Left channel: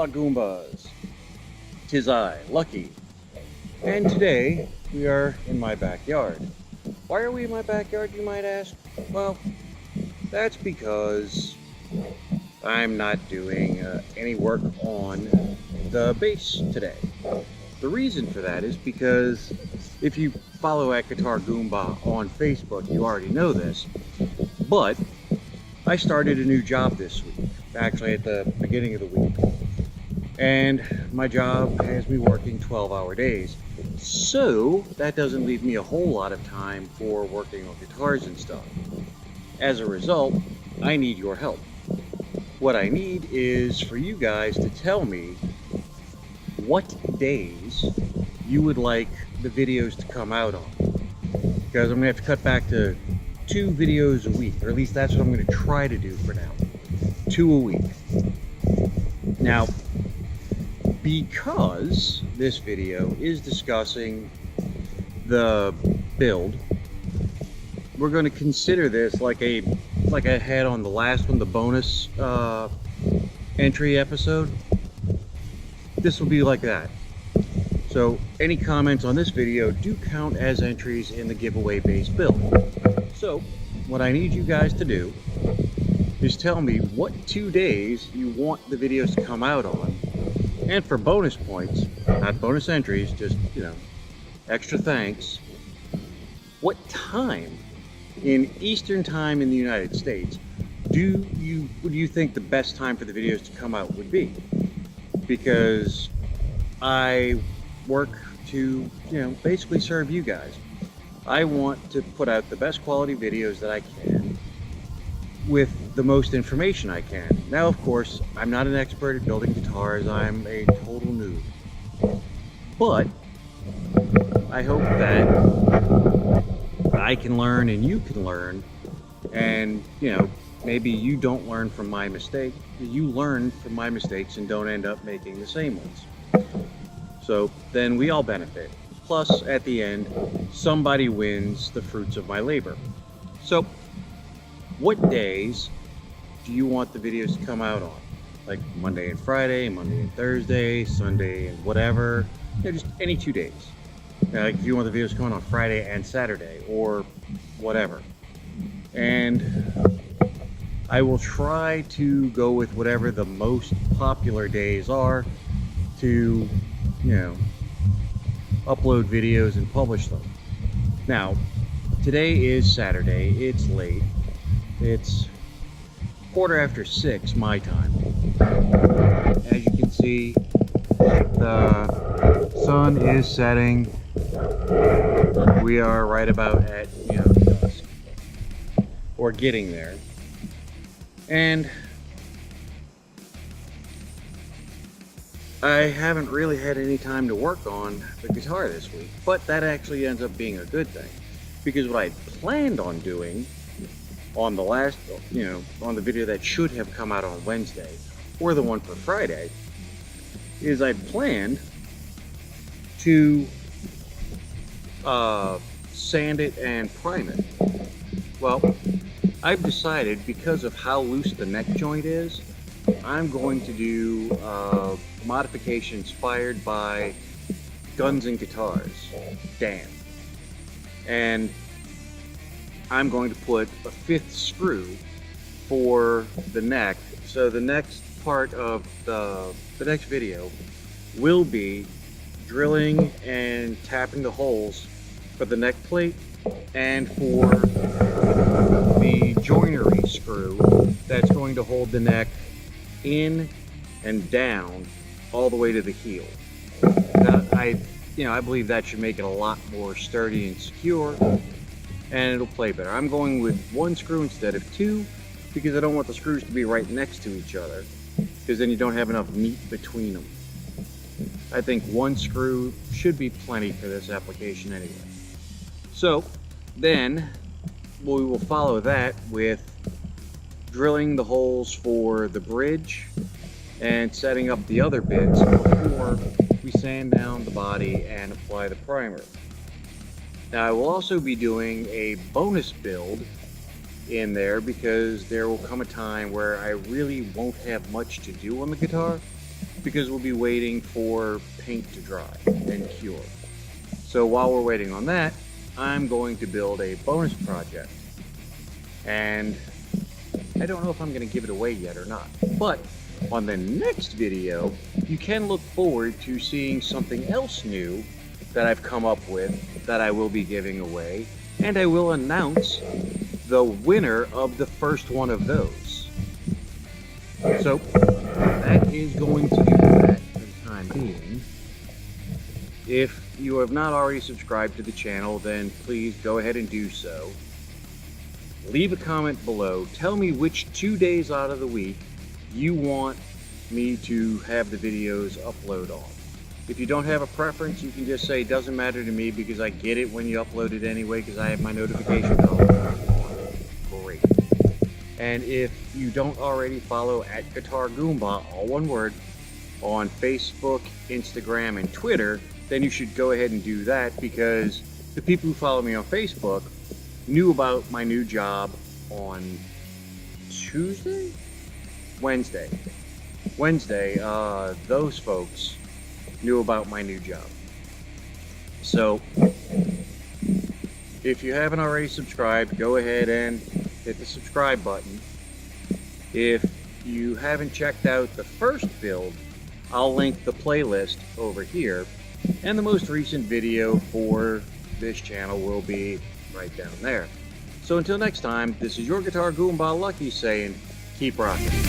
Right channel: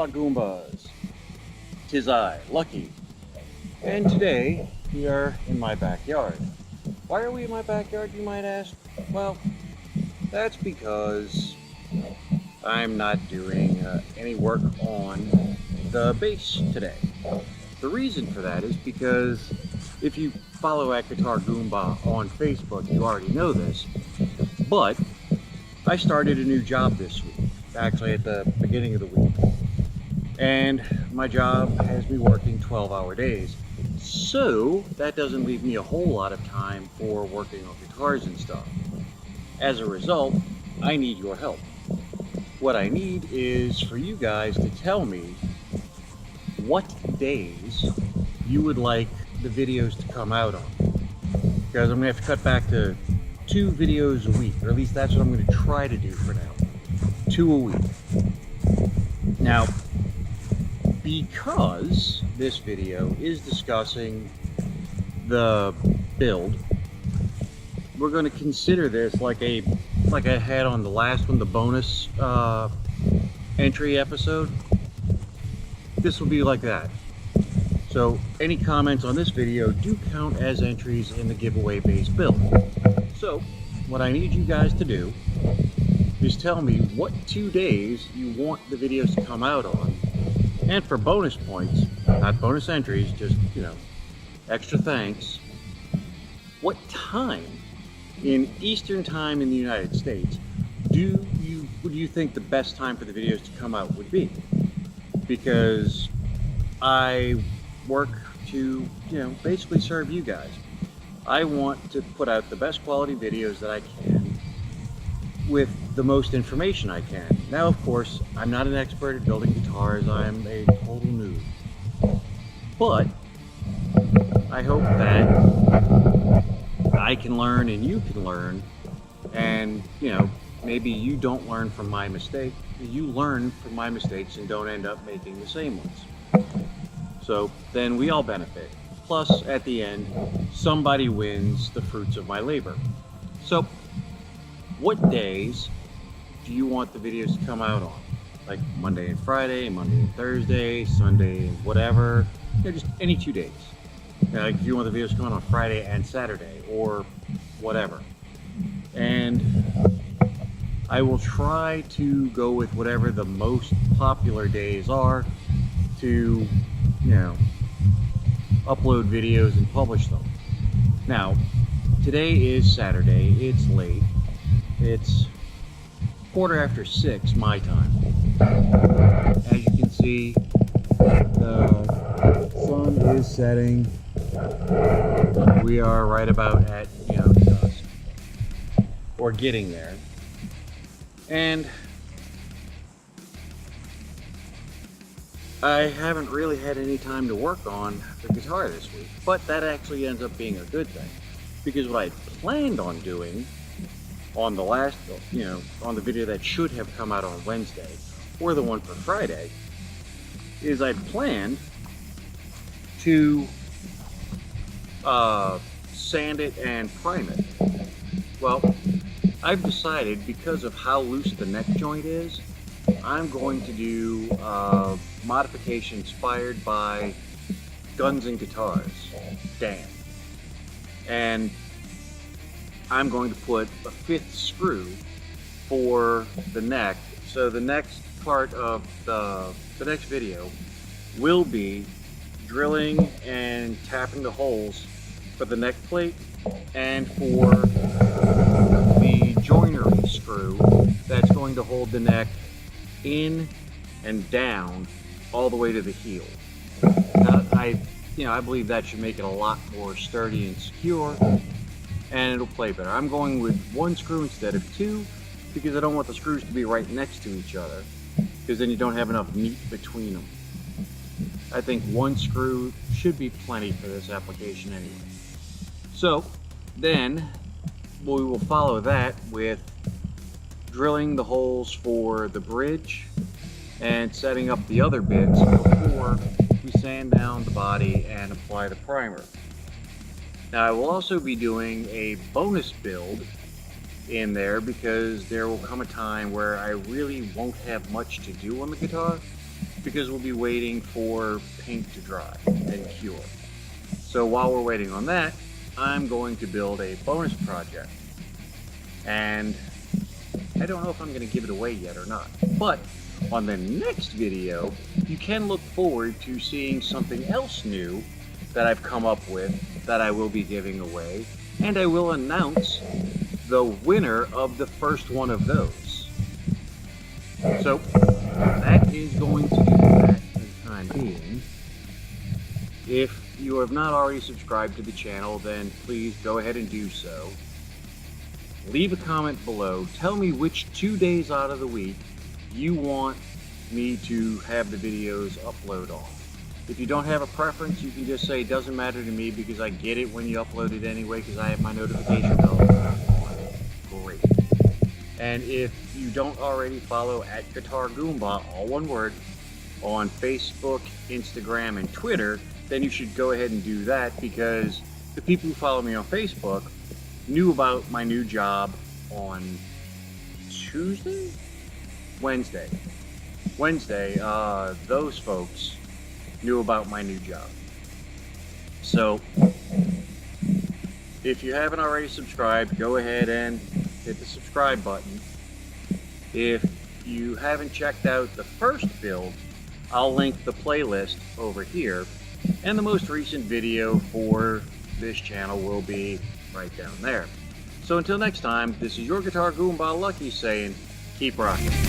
Hola Goombas! 'Tis I, Lucky, and today we are in my backyard. Why are we in my backyard, you might ask? Well, that's because I'm not doing any work on the base today. The reason for that is because if you follow at Guitar Goomba on Facebook, you already know this, but I started a new job this week, actually at the beginning of the week. And my job has me working 12-hour days. So that doesn't leave me a whole lot of time for working on guitars and stuff. As a result, I need your help. What I need is for you guys to tell me what days you would like the videos to come out on. Because I'm gonna have to cut back to 2 videos a week, or at least that's what I'm gonna try to do for now. 2 a week. Now, because this video is discussing the build, we're going to consider this like I had on the last one, the bonus entry episode. This will be like that. So any comments on this video do count as entries in the giveaway based build. So what I need you guys to do is tell me what 2 days you want the videos to come out on. And for bonus points, not bonus entries, just, you know, extra thanks, what time in Eastern time in the United States would you think the best time for the videos to come out would be? Because I work to, you know, basically serve you guys. I want to put out the best quality videos that I can with the most information I can. Now, of course, I'm not an expert at building guitars. I'm a total noob. But I hope that I can learn and you can learn, and, you know, maybe you don't learn from my mistake. You learn from my mistakes and don't end up making the same ones. So then we all benefit. Plus, at the end, somebody wins the fruits of my labor. So what days do you want the videos to come out on? Like Monday and Friday, Monday and Thursday, Sunday and whatever. You know, just any 2 days. You know, like if you want the videos to come out on Friday and Saturday or whatever. And I will try to go with whatever the most popular days are to, you know, upload videos and publish them. Now, today is Saturday. It's late. It's 6:15 my time. As you can see, the sun is setting. We are right about at, you know, dusk, or getting there. And I haven't really had any time to work on the guitar this week, but that actually ends up being a good thing, because what I planned on doing on the last, you know, on the video that should have come out on Wednesday, or the one for Friday, is I'd planned to sand it and prime it. Well, I've decided, because of how loose the neck joint is, I'm going to do a modification inspired by Guns and Guitars, Dan. And I'm going to put a 5th screw for the neck. So the next part of the next video will be drilling and tapping the holes for the neck plate and for the joinery screw that's going to hold the neck in and down all the way to the heel. Now, I believe that should make it a lot more sturdy and secure, and it'll play better. I'm going with 1 screw instead of 2 because I don't want the screws to be right next to each other, because then you don't have enough meat between them. I think 1 screw should be plenty for this application anyway. So then we will follow that with drilling the holes for the bridge and setting up the other bits before we sand down the body and apply the primer. Now, I will also be doing a bonus build in there, because there will come a time where I really won't have much to do on the guitar, because we'll be waiting for paint to dry and cure. So while we're waiting on that, I'm going to build a bonus project. And I don't know if I'm going to give it away yet or not. But on the next video, you can look forward to seeing something else new that I've come up with that I will be giving away. And I will announce the winner of the first one of those. So that is going to do that for the time being. If you have not already subscribed to the channel, then please go ahead and do so. Leave a comment below. Tell me which 2 days out of the week you want me to have the videos upload on. If you don't have a preference, you can just say, doesn't matter to me because I get it when you upload it anyway because I have my notification bell on. Great. And if you don't already follow @GuitarGoomba, all one word, on Facebook, Instagram, and Twitter, then you should go ahead and do that, because the people who follow me on Facebook knew about my new job on Wednesday. Those folks knew about my new job. So if you haven't already subscribed, go ahead and hit the subscribe button. If you haven't checked out the first build, I'll link the playlist over here, and the most recent video for this channel will be right down there. So until next time, this is your Guitar Goomba Lucky saying, keep rocking.